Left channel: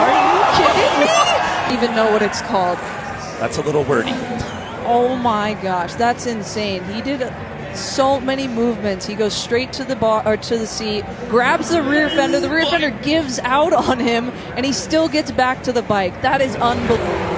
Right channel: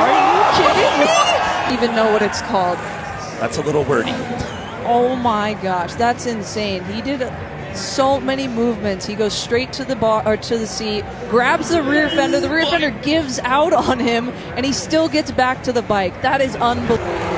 Are you kidding me? Even know what it's called. That's a little wordy. Oh my gosh, that's insane. He did so many movements. He goes straight to the bar or to the seat, grabs the rear fender. The rear fender gives out on him, and he still gets back to the bike. That is unbelievable.